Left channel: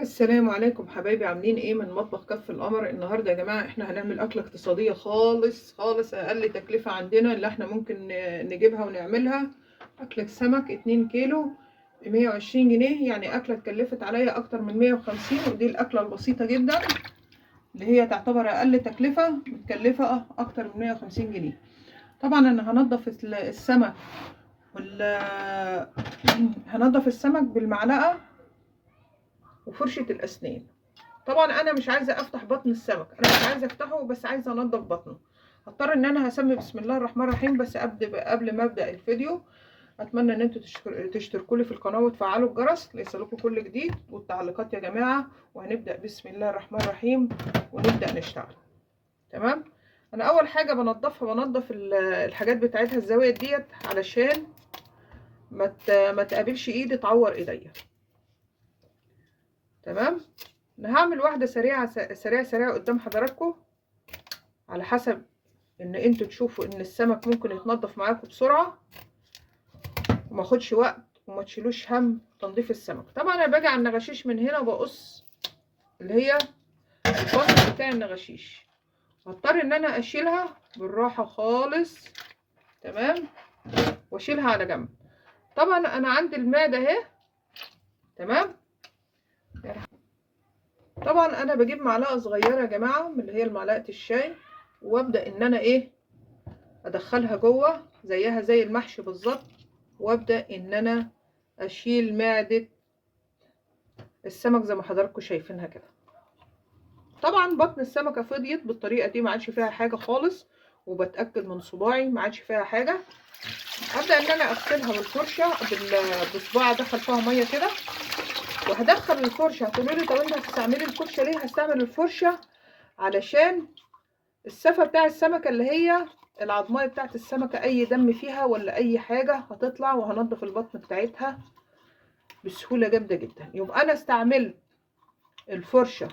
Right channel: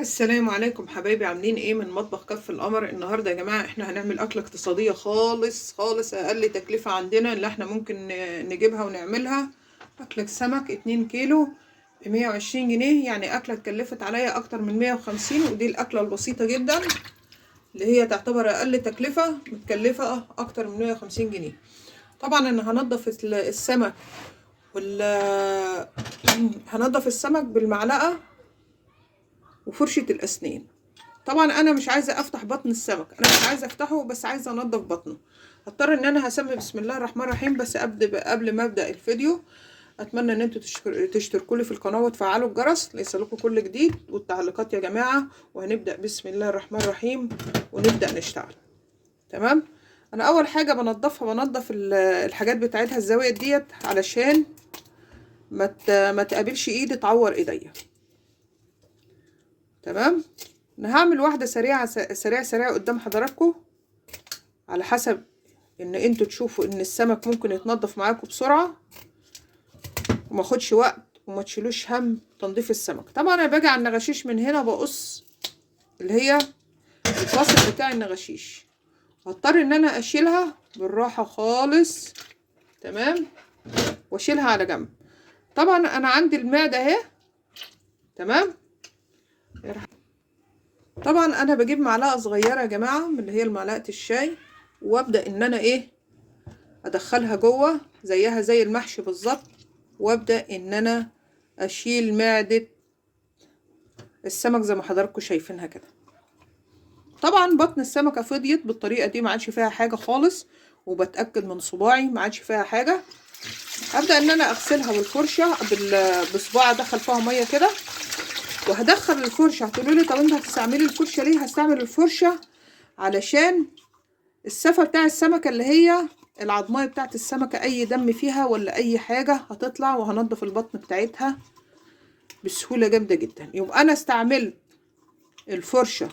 السلام عليكم حبايبي، عاملين ايه؟ من مطبخ كف القمر. النهارده يا جماعه احنا هنعمل اكله اقتصاديه خالص خالص، اقل تكلفه عندنا اللي احنا ممكن نجيبها ونعملها. اكله سمك 2 كيلو ب 120 جنيه، يعني اكله اتكلفت عليا اكتر من 150، ودي الاكله البسيطه جدا اللي هي تعتبر اقل تكلفه، متكلفه اكتر من 150 جنيه. طبعا انا هنضف السمك وال هنضف السمك بالمعلقه وفرشه الاسنان. طبعا انا مش عايزه افتح بطن السمك، انا مش عايزه افتحه، بس عايزه انضف بطنه. هضطر ان انا هسمي بسم الله الرحمن الرحيم. بس قبل ما ابدا الفيديو، اتمنى ان انتوا تشتركوا لي في القناه وتفعلوا الجرس ليصلكوا كل جديد، والتعليقات يا جماعه. وهنبدا بسم الله الرحمن الرحيم ونبدا نشتغل. تمام. انا اول حاجه بنضف الحاجات بتاعتها، الزوايد ديت، علشان ما تقابلش ايدي تعور ايديا. تمام. انا هعمل واحده سريعه سريعه سريعه قدام حضراتكم، على حسب ان انتوا تشوفوا ان السمك ممكن يتنضف معاكم بسرعه وما خدش وقت وما تشيلوش هم تنظيف السمك. طبعا انا باجي على النغاشيش من هنا، بقص اللي هي الفصل بتاع النغاشيش، هضطر ان انا اشيلها بالراحه خالص. تمام. واشيلها على جنب. طبعا انا عندي المعده اهي. تمام. طبعا انا بجيب معلقه صغيره يا جماعه من اللي هي معلقه الشاي، وابدا ان انا ادخلها جوه زيها زي المحشي بالظبط، وابدا ان انا اشيل معده السمك زي ما حضراتكم شايفينها كده. طبعا بطن السمكه فضيت بالطريقه دي، ما عادش فيها حاجه خالص، وبتاكد من صباعي ما عادش فيها حاجه. ابدا ان انا اغسلها بالفرشه بصباع، ادخل فيها ميه كده وهدخل الفرشه. هتقولوا لي طب انت هتستعملي الفرشه ليه؟ هستعمل الفرشه علشان السفة بتاع السمكة، اللي هي العضماية بتاعت السمكة، اي دم فيها ولا اي حاجة هتطلع، وهنضف البطن بتاعتها بسهولة جامدة جدا. يبقى انا استعملت الفرشة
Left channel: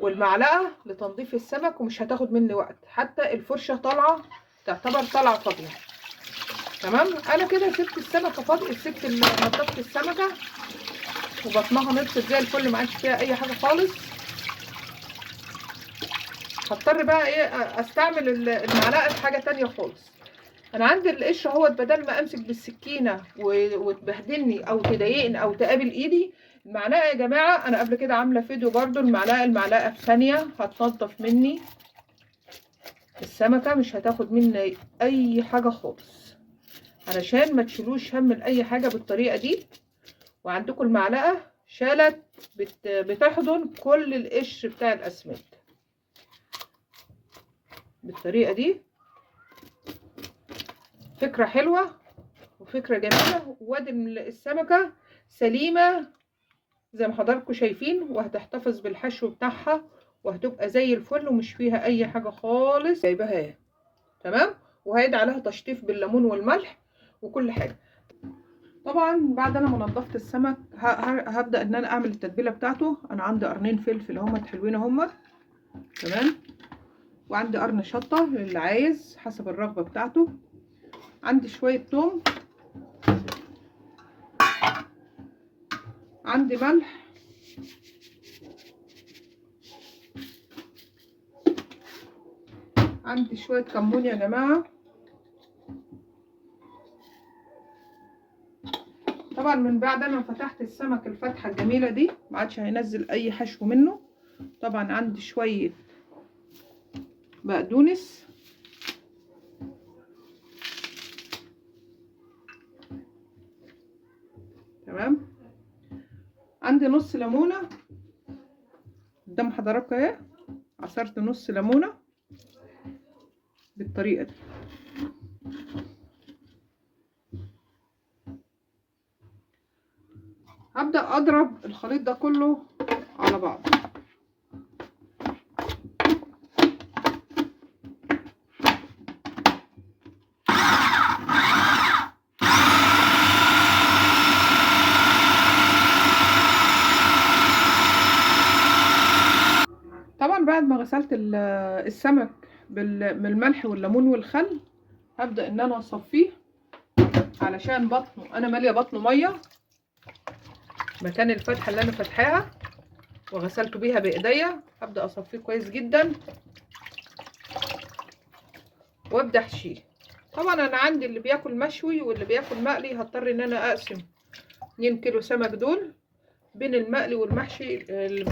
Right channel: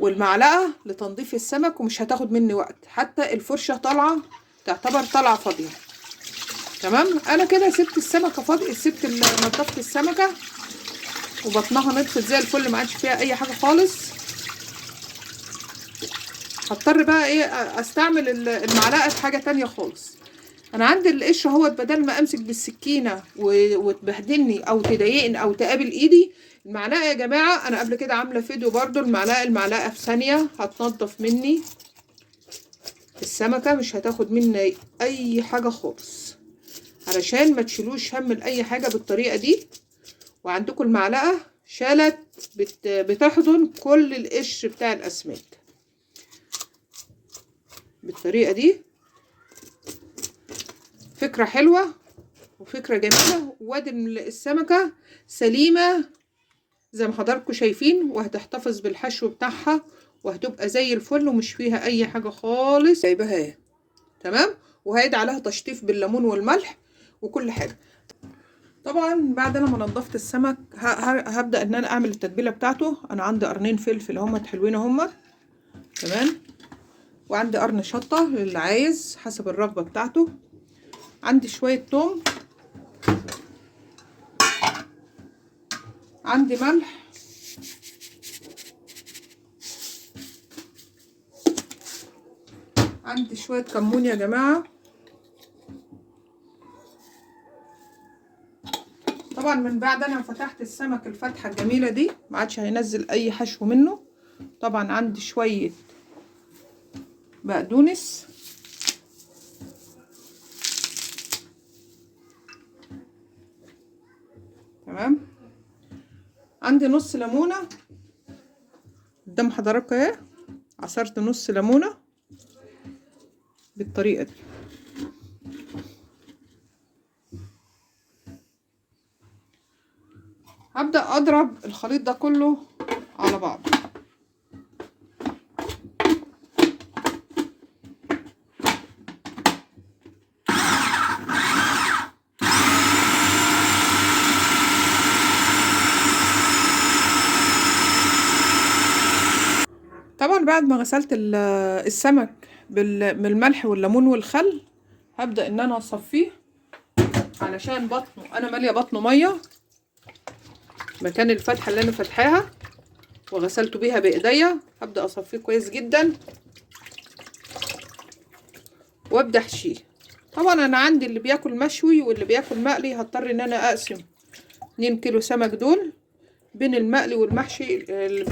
والمعلقة لتنظيف السمك، ومش هتاخد مني وقت، حتى الفرشة طالعة تعتبر طالعة فاضية. تمام. انا كده سبت السمكة فاضية، نضفت السمكة وبطنها نطفت زي الفل، ما عادش فيها اي حاجة خالص. هضطر بقى استعمل المعلقة في حاجة تانية خالص. انا عندي القشره اهوت، بدل ما امسك بالسكينه وتبهدلني او تضايقني او تقابل ايدي، المعلقه يا جماعه، انا قبل كده عامله فيديو برضو، المعلقه في ثانيه هتنضف مني السمكه، مش هتاخد مني اي حاجه خالص، علشان ما تشيلوش هم لاي حاجه بالطريقه دي. وعندكم المعلقه شالت بتحضن كل القشر بتاع الاسماك بالطريقه دي. فكره حلوه وفكرة جميلة، وادي السمكة سليمة زي ما حضراتكم شايفين، وهتحتفظ بالحشو بتاعها وهتبقى زي الفل ومش فيها اي حاجة خالص. جايبها اهي. تمام. وهيدي عليها تشطيف بالليمون والملح وكل حاجة. طبعا بعد انا ما نضفت السمك هبدأ ان انا اعمل التتبيلة بتاعته. انا عندي قرنين فلفل هما حلوين هما. تمام. وعندي قرن شطة اللي عايز حسب الرغبة بتاعته. عندي شوية توم، عندي ملح، عندي شوية كمون يا جماعة. طبعا من بعد انا فتحت السمك الفتحة الجميلة دي، ما عادش هينزل اي حشو منه. طبعا عندي شوية بقدونس، تمام. عندي نص ليمونة قدام حضراتكم اهي، عصرت نص ليمونة بالطريقة دي. هبدأ اضرب الخليط ده كله على بعض. طبعا بعد ما غسلت السمك بالملح والليمون والخل، هبدأ ان انا اصفيه علشان بطنه، انا ماليه بطنه ميه. مكان الفتحه اللي انا فاتحاها وغسلته بيها بايديا. هبدا اصفيه كويس جدا وابدا احشيه. طبعا انا عندي اللي بياكل مشوي واللي بياكل مقلي، هضطر ان انا اقسم 2 كيلو سمك دول بين المقلي والمحشي.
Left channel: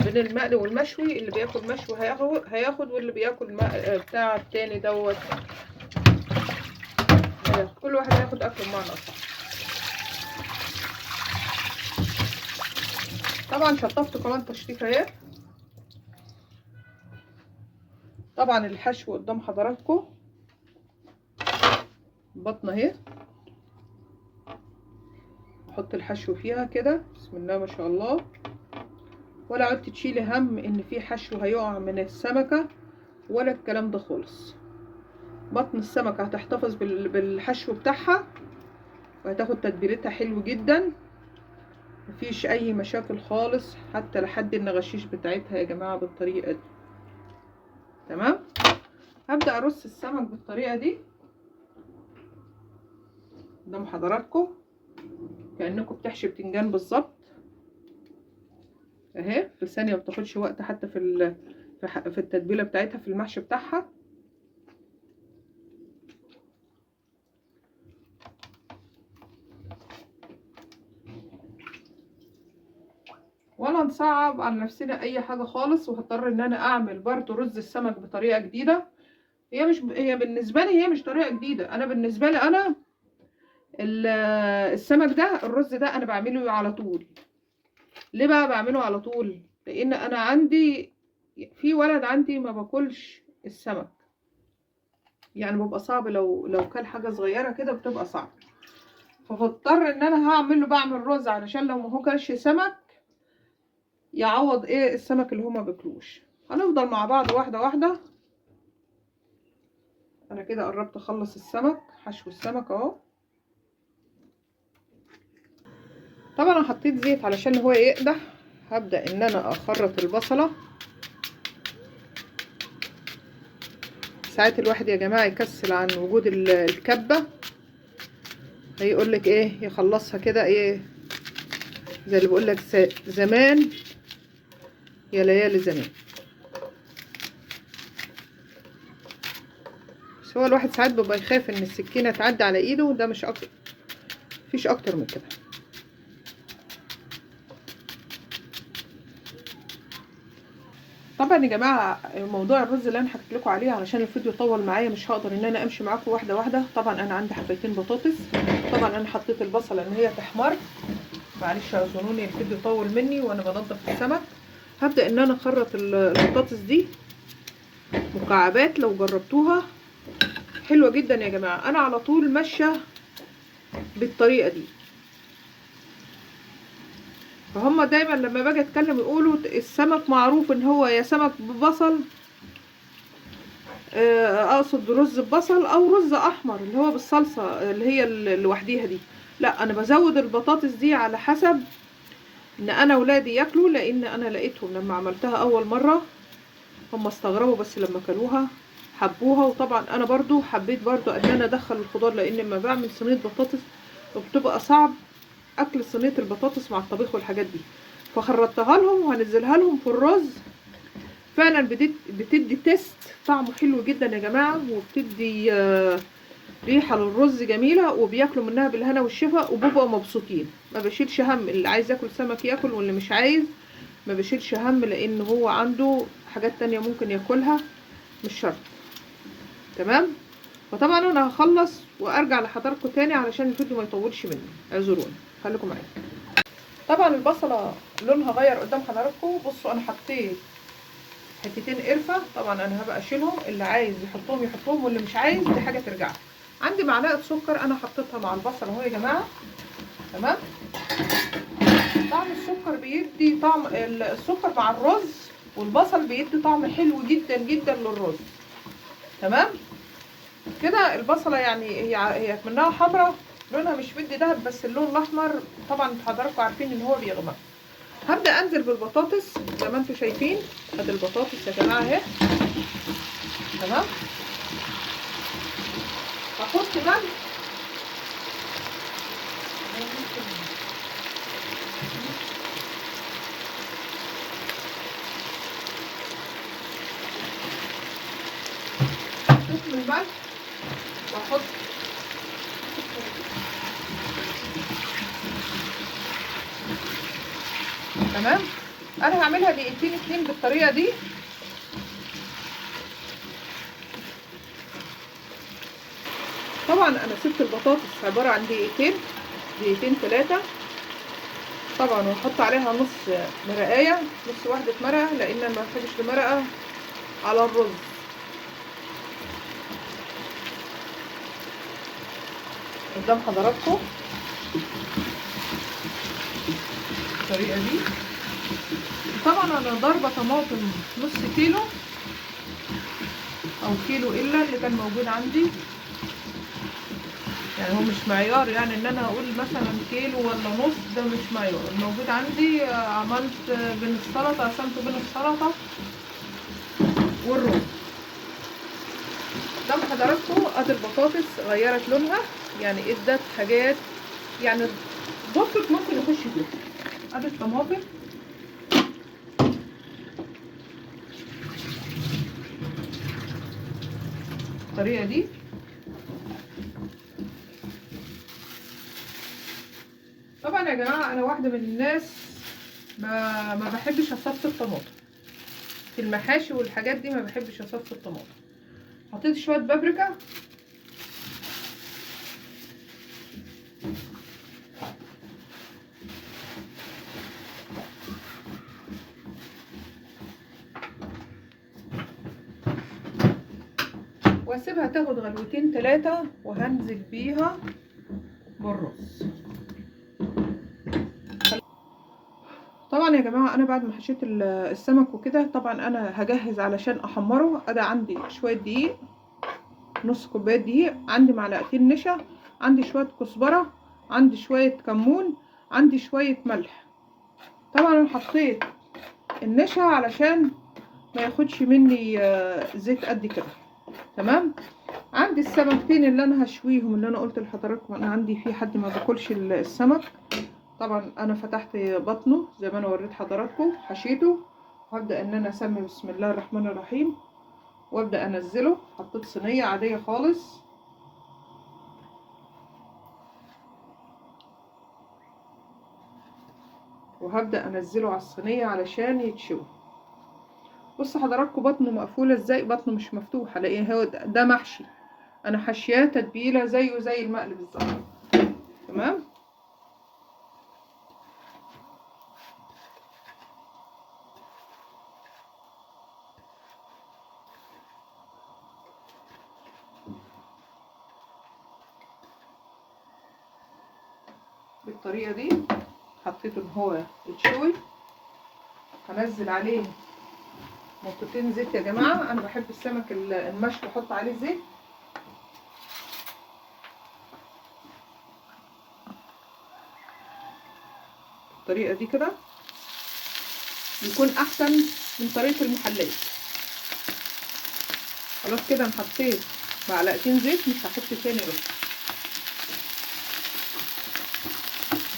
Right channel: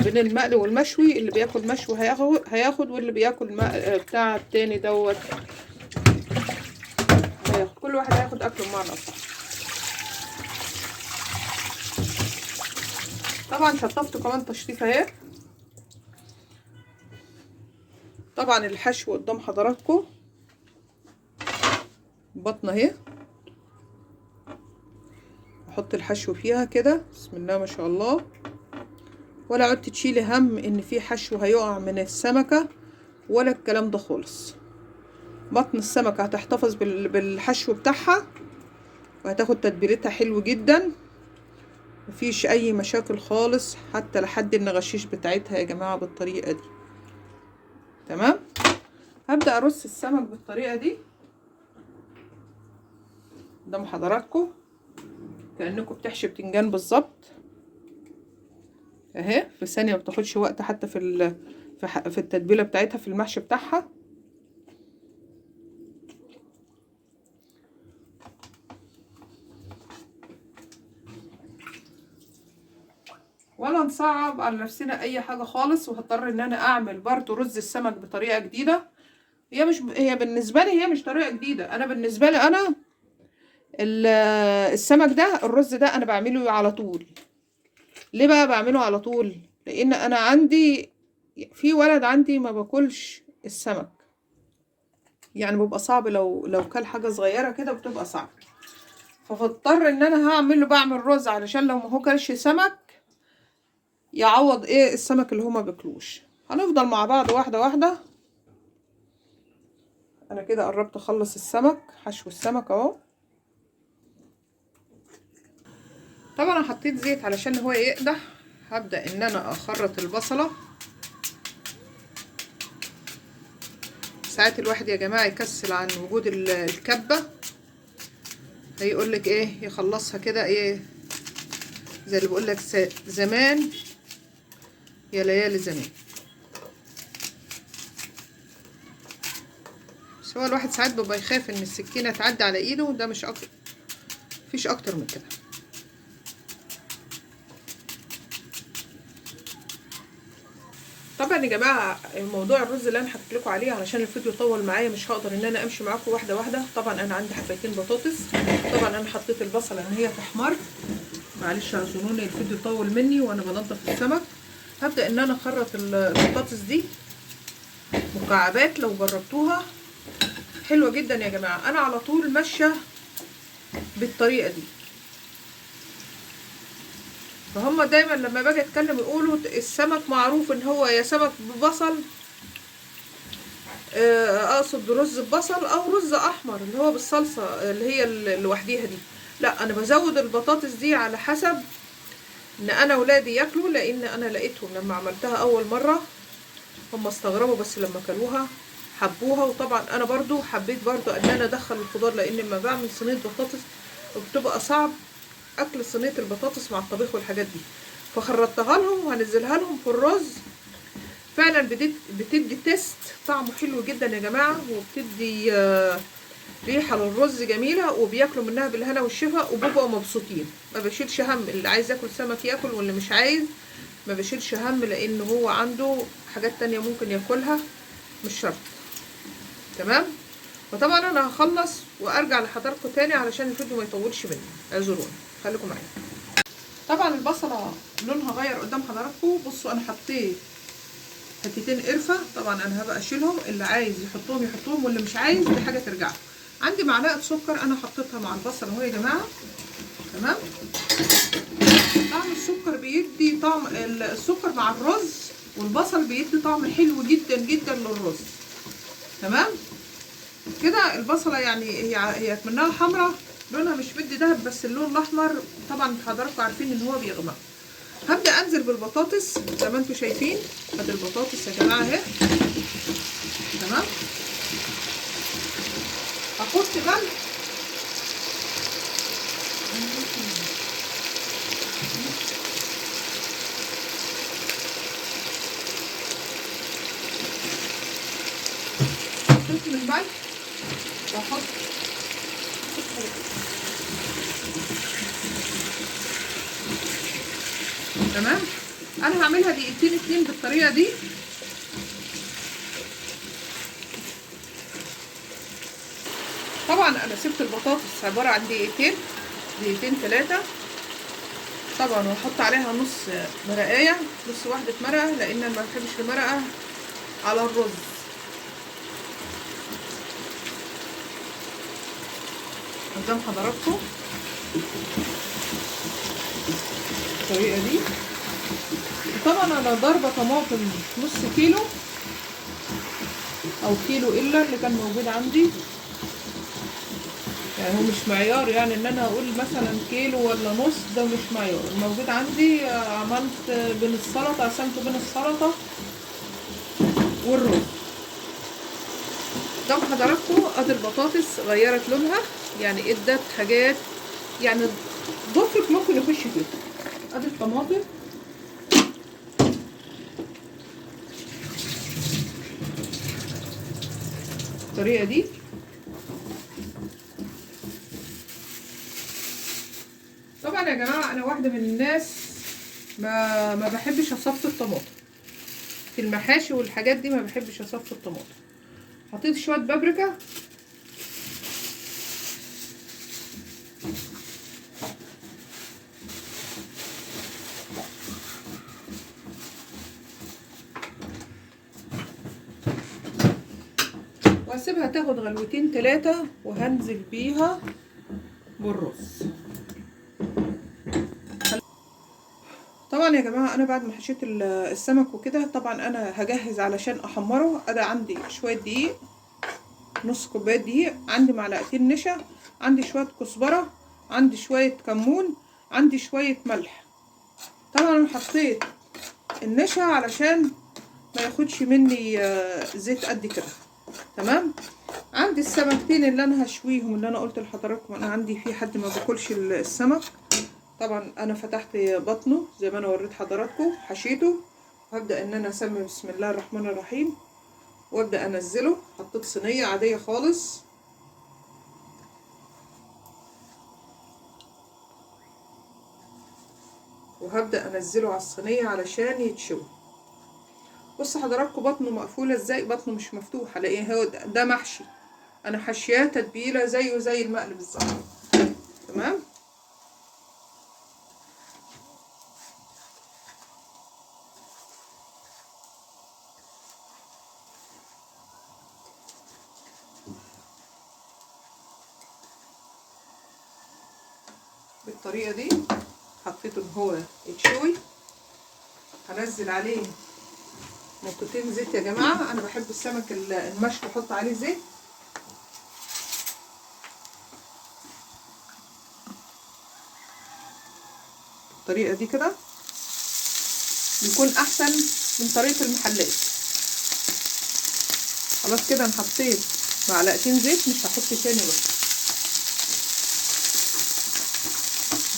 بين المقلي والمشوي، اللي بياكل مشوي هياخد واللي بياكل بتاع التاني دوت هياخد. كل واحد هياخد اكله بمعنى اصح. طبعا شطفته كمان تشطيفه اهي. طبعا الحشو قدام حضراتكم، بطنه اهي. احط الحشو فيها كده، بسم الله ما شاء الله. ولا عدت تشيلي هم ان في حشو هيقع من السمكه ولا الكلام ده خالص. بطن السمكه هتحتفظ بالحشو بتاعها وهتاخد تتبيلتها حلو جدا. مفيش اي مشاكل خالص حتى لحد النغشيش بتاعتها يا جماعه بالطريقه دي. تمام. هبدا ارص السمك بالطريقه دي قدام حضراتكم كانكم بتحشي بتنجان بالظبط اهي. في ثانيه ما بتاخدش وقت حتى في التتبيله بتاعتها في المحشي بتاعها. ولا نصعب على نفسنا اي حاجه خالص. وهضطر ان انا اعمل برضو رز السمك بطريقه جديده. هي بالنسبه لي هي مش طريقه جديده. انا بالنسبه لي انا السمك ده، الرز ده انا بعمله على طول. ليه بقى بعمله على طول؟ لان انا عندي في ولد عندي ما باكلش السمك، يعني بيبقى صعب لو كل حاجه صغيره كده بتبقى صعب. فبضطر ان انا بعمل رز علشان لو ما هو كلش سمك يعوض ايه السمك اللي هما بياكلوش. هنفضل مع بعض واحده واحده. انا كده قربت اخلص السمك، حشو السمك اهو. طبعا انا حطيت زيت علشان هو يقدح. هبدا ان انا اخرط البصله. ساعات الواحد يا جماعه يكسل عن وجود الكبه، هيقول لك ايه يخلصها كده ايه زي اللي بيقول لك زمان يا ليالي زمان. بس هو الواحد ساعات بيبقى يخاف ان السكينه تعدي على ايده، وده مش اكتر، مفيش اكتر من كده. طبعا يا جماعه موضوع الرز اللي انا حكيت لكم عليه علشان الفيديو طول معايا مش هقدر ان انا امشي معاكم واحده واحده. طبعا انا عندي حبتين بطاطس. طبعا انا حطيت البصله ان هي تحمر، معلش اعذروني الفيديو طول مني وانا بنضف السمك. هبدا ان انا اخرط البطاطس دي مكعبات. لو جربتوها حلوه جدا يا جماعه. انا على طول ماشيه بالطريقه دي. فهم دايما لما باجي اتكلم يقولوا السمك معروف ان هو يا سمك ببصل، اقصد رز ببصل او رز احمر اللي هو بالصلصه اللي هي لوحديها دي. لا انا بزود البطاطس دي على حسب ان انا ولادي ياكلوا. لان انا لقيتهم لما عملتها اول مره هم استغربوا، بس لما كلوها حبوها. وطبعا انا برضو حبيت برضو ان انا ادخل الخضار، لان لما بعمل صينيه بطاطس بتبقى صعب اكل صينيه البطاطس مع الطبيخ والحاجات دي. فخرطتها لهم وهنزلها لهم في الرز. فعلا بتدي تيست طعمه حلو جدا يا جماعه، وبتدي ريحه للرز جميله، وبياكلوا منها بالهنا والشفا وبيبقوا مبسوطين. ما بشيلش هم، اللي عايز ياكل سمك ياكل واللي مش عايز ما بشيلش هم، لان هو عنده حاجات تانية ممكن ياكلها مش شرط. تمام. وطبعا انا هخلص وارجع لحضراتكم تاني علشان الفيديو ما يطولش مني، اعذروني، خليكم معايا. طبعا البصله لونها غير قدام حضراتكم. بصوا انا حطيت حتتين قرفه. طبعا انا هبقى اشيلهم، اللي عايز يحطهم يحطهم واللي مش عايز دي حاجه ترجع. عندي معلقه سكر انا حطيتها مع البصله اهو يا جماعه. تمام. طعم السكر بيدي طعم، السكر مع الرز والبصل بيدي طعم حلو جدا جدا للرز. تمام كده. البصله يعني هي منها حمراء، لونها مش بدي دهب، بس اللون الاحمر طبعا حضراتكم عارفين ان هو بيغمق. هبدا انزل بالبطاطس زي ما انتم شايفين. ادي البطاطس يا جماعه اهي. تمام. احط ملح ملح واحط تمام. انا هعملها دقيقتين اتنين بالطريقه دي. طبعا انا سبت البطاطس عباره عن دقيقتين 3 طبعا، وهحط عليها نص مرقايه، نص واحده مرقه، لان ما بحبش المرقه على الرز. قدام حضراتكم الطريقه دي. طبعا انا ضاربه طماطم نص كيلو او كيلو الا اللي كان موجود عندي، يعني هو مش معيار، يعني ان انا اقول مثلا كيلو ولا نص، ده مش معيار. الموجود عندي عملت بين السلطه، قسمت بين السلطه والرز. قدام حضراتكم ادي البطاطس غيرت لونها، يعني ادت حاجات، يعني ضفرك ممكن يخش فيها. ادي الطماطم بالطريقه دي. طبعا يا جماعه انا واحده من الناس ما بحبش اصفي الطماطم في المحاشي والحاجات دي، ما بحبش اصفي الطماطم. حطيت شويه بابريكا واسيبها تاخد غلوتين 3 وهنزل بيها بالرز. طبعا يا جماعه انا بعد ما حشيت السمك وكده، طبعا انا هجهز علشان احمره. انا عندي شويه دقيق، نص كوبايه دقيق، عندي معلقتين نشا، عندي شويه كزبره، عندي شويه كمون، عندي شويه ملح. طبعا انا حطيت النشا علشان ما ياخدش مني زيت قد كده. تمام. عندي السمكتين اللي انا هشويهم، اللي انا قلت لحضراتكم انا عندي في حد ما باكلش السمك. طبعا انا فتحت بطنه زي ما انا وريت حضراتكم، حشيته، وهبدا ان انا اسمي بسم الله الرحمن الرحيم وابدا انزله. حطيت صينيه عاديه خالص، وهبدا انزله على الصينيه علشان يتشوي. بصوا حضراتكم بطنه مقفوله ازاي، بطنه مش مفتوحه، لان هو ده محشي، انا حشياه تتبيله زيه زي المقلي بالظبط. تمام. بالطريقه دي حطيته ان هو يتشوي. هنزل عليه نقطتين زيت يا جماعه، انا بحب السمك المشوي احط عليه زيت. بالطريقه دي كده بيكون احسن من طريقه المحلات. خلاص كده انا حطيت معلقتين زيت، مش هحط تاني بس،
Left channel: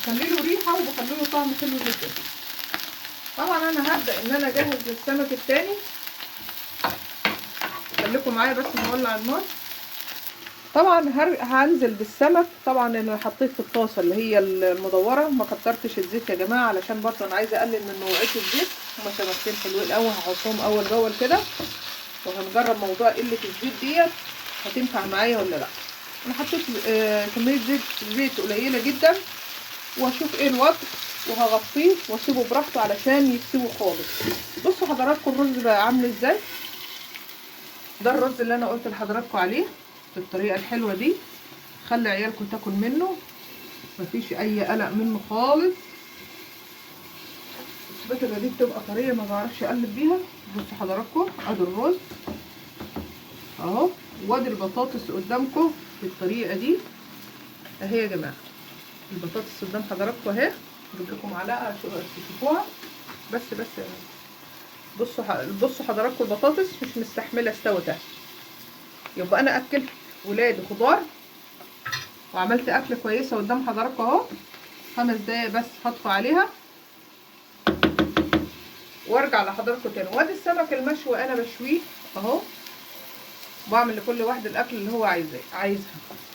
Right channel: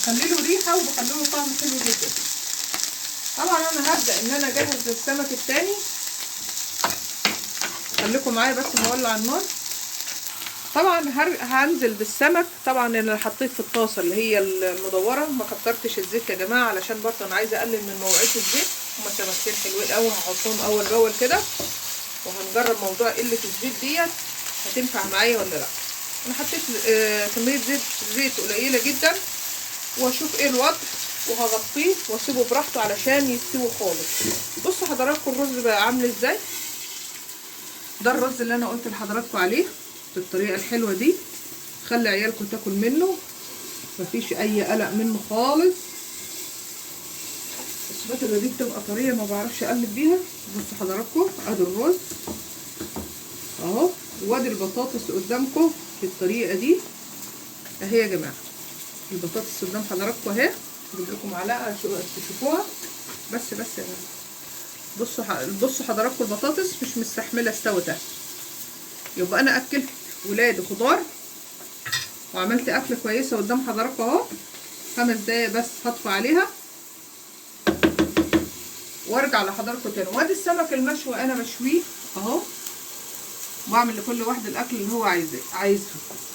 بخلي له ريحه وبخلي له طعم حلو جدا. طبعا انا هبدا ان انا اجهز للسمك التاني، خليكم معايا بس نولع النار. طبعا هنزل بالسمك. طبعا انا حطيت في الطاسه اللي هي المدوره، ما كترتش الزيت يا جماعه علشان برضه انا عايزه اقلل من نوعيه الزيت. هما سمكتين حلوين قوي، هحطهم اول باول كده وهنجرب موضوع قله الزيت ديت هتنفع معايا ولا لا. انا حطيت كميه زيت قليله جدا، واشوف ايه الوضع، وهغطيه واسيبه براحته علشان يستوي خالص. بصوا حضراتكم الرز بقى عامل ازاي. ده الرز اللي انا قلت لحضراتكم عليه بالطريقه الحلوه دي، خلي عيالكم تاكل منه، مفيش اي قلق منه خالص. السباتولا دي بتبقى طريه ما بعرفش اقلب بيها. بصوا حضراتكم ادي الرز اهو، وادي البطاطس قدامكم بالطريقه دي اهي يا جماعه. البطاطس قدام حضراتكم اهي، اجيب لكم معلقه تشوفوها بس يا جماعه. بصوا حضراتكم البطاطس مش مستحمله استوت اهي. يبقى انا اكلت ولادي خضار وعملت اكله كويسه قدام حضراتكم اهو. 5 دقايق بس هطفي عليها وارجع لحضراتكم تاني. وادي السمك المشوي انا بشويه اهو. وبعمل لكل واحد الاكل اللي هو عايزها.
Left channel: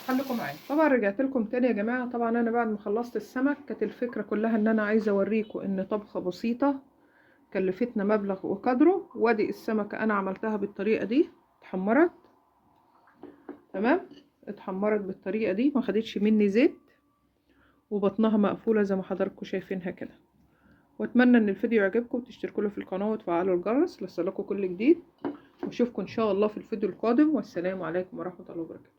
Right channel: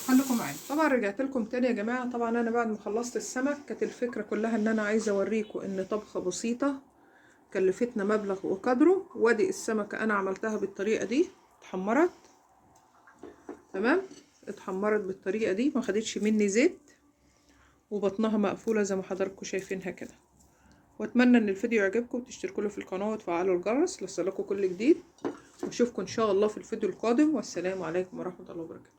خليكم معايا. طبعا رجعت لكم تاني يا جماعه. طبعا انا بعد ما خلصت السمك كانت الفكره كلها ان انا عايزه اوريكم ان طبخه بسيطه كلفتنا مبلغ وقدره. وادي السمكه انا عملتها بالطريقه دي، اتحمرت تمام، اتحمرت بالطريقه دي، ما خدتش مني زيت، وبطنها مقفوله زي ما حضراتكم شايفينها كده. واتمنى ان الفيديو يعجبكم وتشتركوا في القناه وتفعلوا الجرس ليصلكوا كل جديد، واشوفكم ان شاء الله في الفيديو القادم. والسلام عليكم ورحمه الله وبركاته.